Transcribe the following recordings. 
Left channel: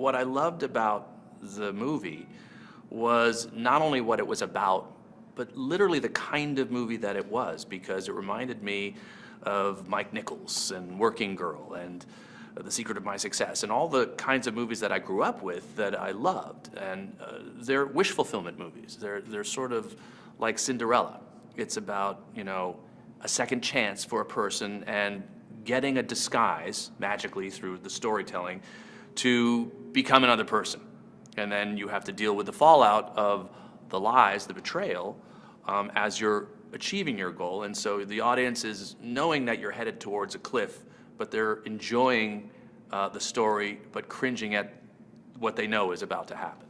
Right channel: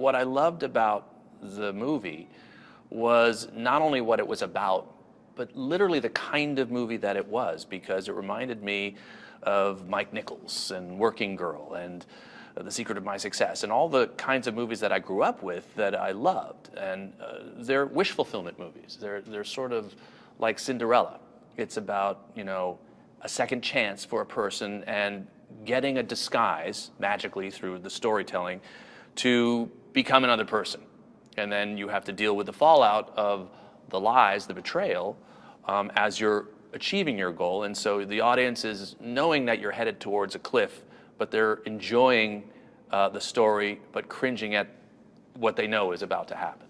what I loved about the movie was not only what it was about, but literally the kind of movie that it was, because it reminded me of Mike Nichols and Working Girl and The Secret of My Success and all the kinds of movies that I grew up with that I loved. And they're wish fulfillment movies. They're sort of like Cinderella. It's about, you know, a second chance for a person and getting a disguise magically through the storytelling to become another person. And then you have to deal with the fallout of the lies, the betrayal, as you're achieving your goal. And so the audience is knowing that you're headed towards a cliff, but they're enjoying the story, but cringing at what they know is about to happen.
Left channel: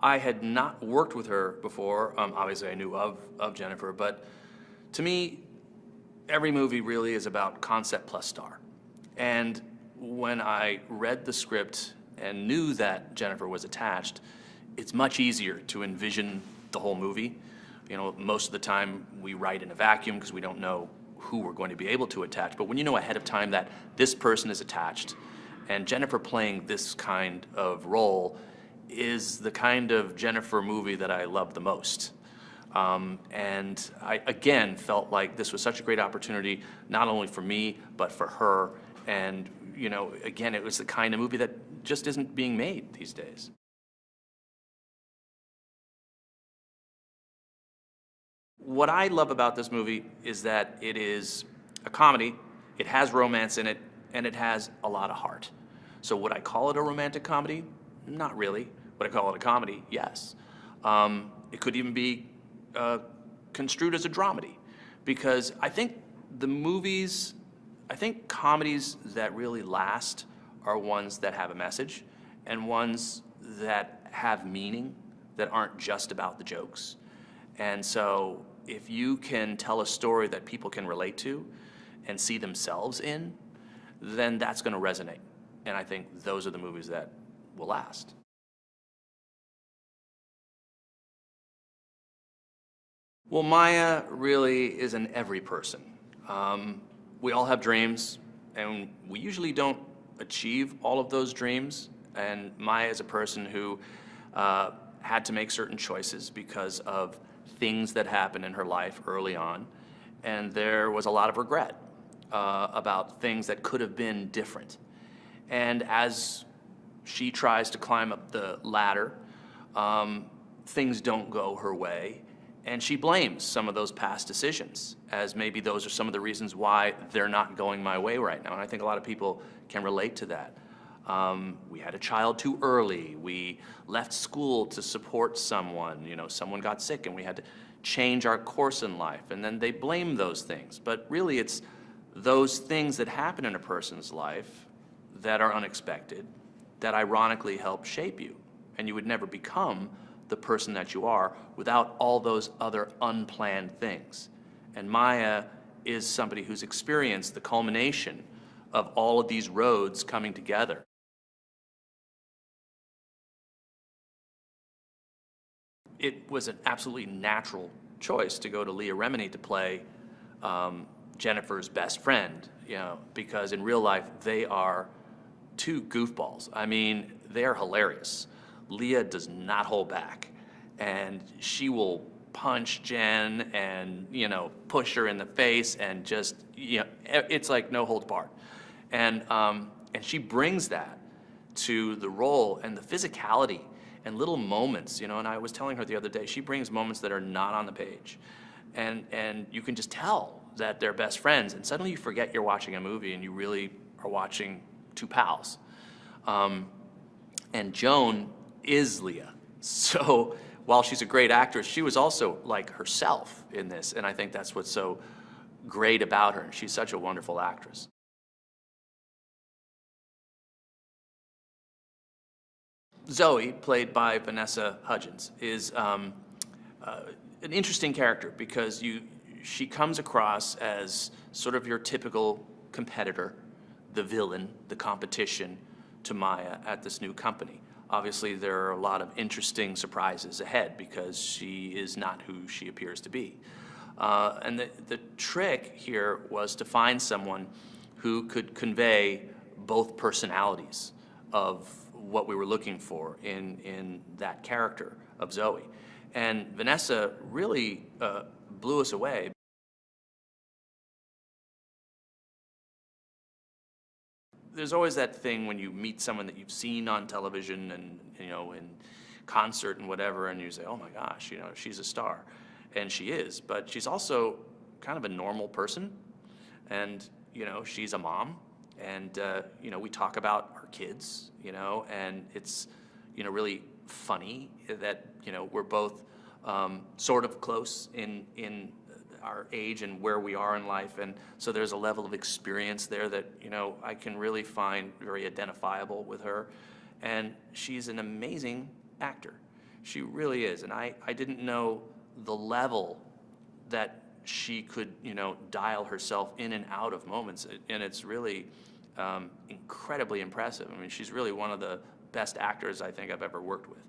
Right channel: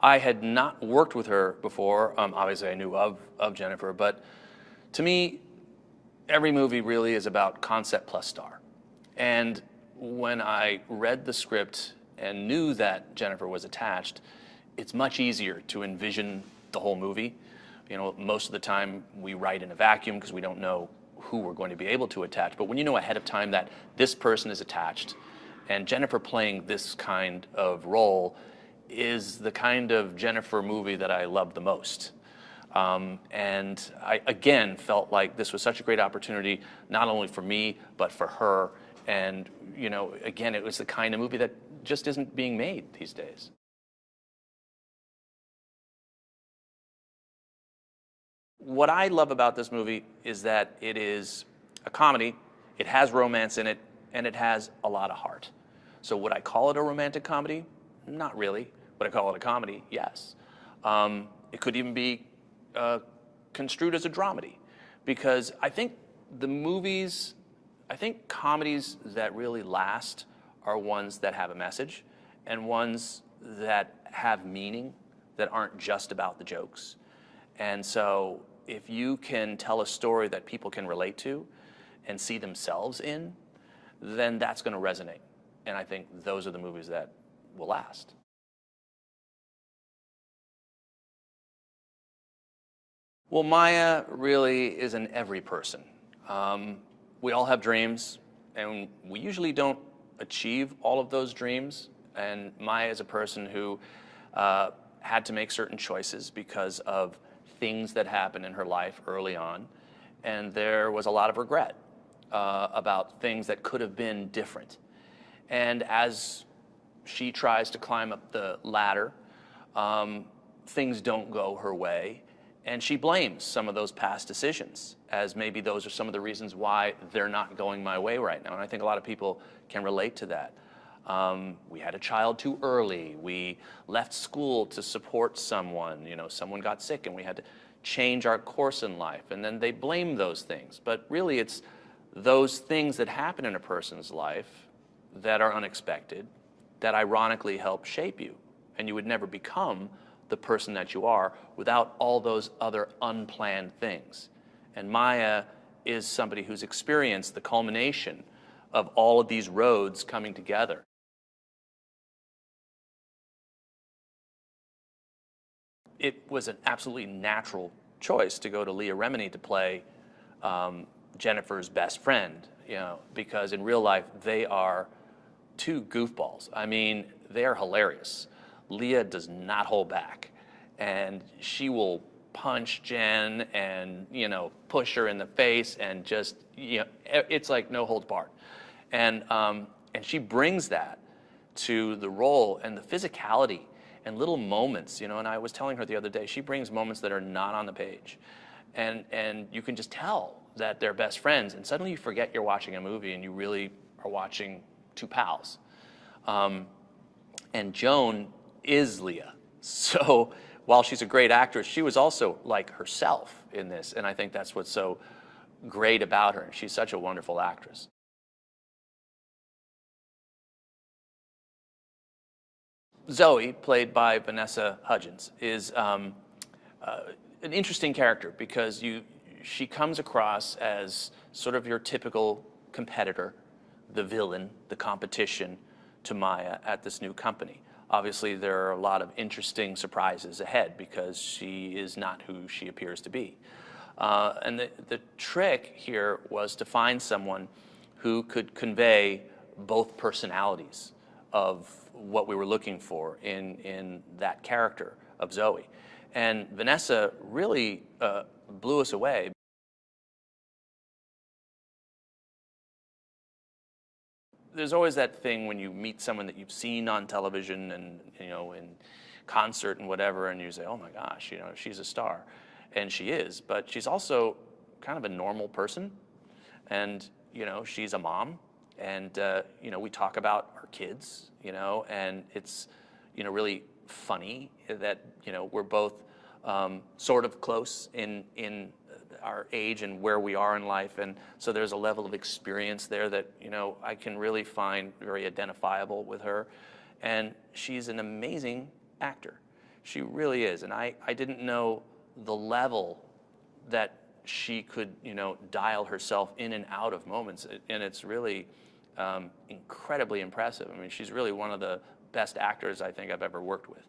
I had not worked with her before. Obviously, I knew of Jennifer, but to me, every movie really is about concept plus star. And when I read the script and knew that Jennifer was attached, it's much easier to envision the whole movie. You know, most of the time we write in a vacuum because we don't know who we're going to be able to attach. But when you know ahead of time that this person is attached, and Jennifer playing this kind of role is the kind of Jennifer movie that I love the most. And I, again, felt like this was such a great opportunity, not only for me, but for her. And, you know, again, it was the kind of movie that just isn't being made these days. What I love about this movie is that it is a comedy, it has romance in it, and it has a lot of heart. So would I call it a romantic comedy? Not really. Would I call it a comedy? Yes. It could even be construed as a dramedy, because I think comedies that really last are ones that have a message and ones that have meaning, that aren't just about the jokes. And so if you can tell a story that people can relate to and see themselves in, then that's going to resonate. And I think those are the movies that will last. Well, Maya really is an every person. We all have dreams, and we usually don't achieve all of those dreams. And Maya is a person who had to make certain choices because of things that happened in her life early on. And there was a lot of regret about things that could have been different. And as she tries to climb up the ladder, things don't go her way. And she blames some of those past decisions, as maybe those are some of the reasons why they're not going my way right now. And I think a lot of people can relate to that. We had a child too early. We left school to support someone. You know, someone got sick and we had to change our course in life. And then they blame those things. But really, it's those things that happen in a person's life that are unexpected that ironically help shape you. And you would never become the person that you are without all those other unplanned things. And Maya is somebody who's experienced the culmination of all of these roads coming together. It was an absolutely natural choice to go to Leah Remini to play Jennifer's best friend, you know, because in real life they are two goofballs. I mean, they are hilarious. Leah does not hold back, and she will punch Jen and, you know, push her in the face and just, you know, it's like no holds barred. And she brings that to the role, and the physicality and little moments, you know, and I was telling her the other day, she brings moments that are not on the page. And you can just tell that they're best friends, and suddenly you forget you're watching a movie and you really are watching two pals. And Joan is Leah. So while she's a great actress, she was also like herself in this, and I think that's what's so great about her. She's such a wonderful actress. Zoe, played by Vanessa Hudgens, is an interesting character because she comes across as sort of your typical competitor, the villain, the competition to Maya at this new company. Obviously, there are a lot of interesting surprises ahead because she is not who she appears to be. And the trick here was to find someone who could convey both personalities of what we were looking for in that character of Zoe. And Vanessa really blew us away. There's always that thing when you meet someone that you've seen on television and, you know, in concert and whatever, and you say, oh my gosh, you know, she's a star. And she is, but she's also kind of a normal person. And, you know, she's a mom. And, you know, we talk about our kids, you know, and it's, you know, really funny that, you know, we're both sort of close in our age and where we are in life, and so there's a level of experience there that, you know, I can really find very identifiable with her. And she's an amazing actor. She really is. And I didn't know the level that she could, you know, dial herself in and out of moments, and it's really incredibly impressive. I mean, she's really one of the best actors I think I've ever worked with.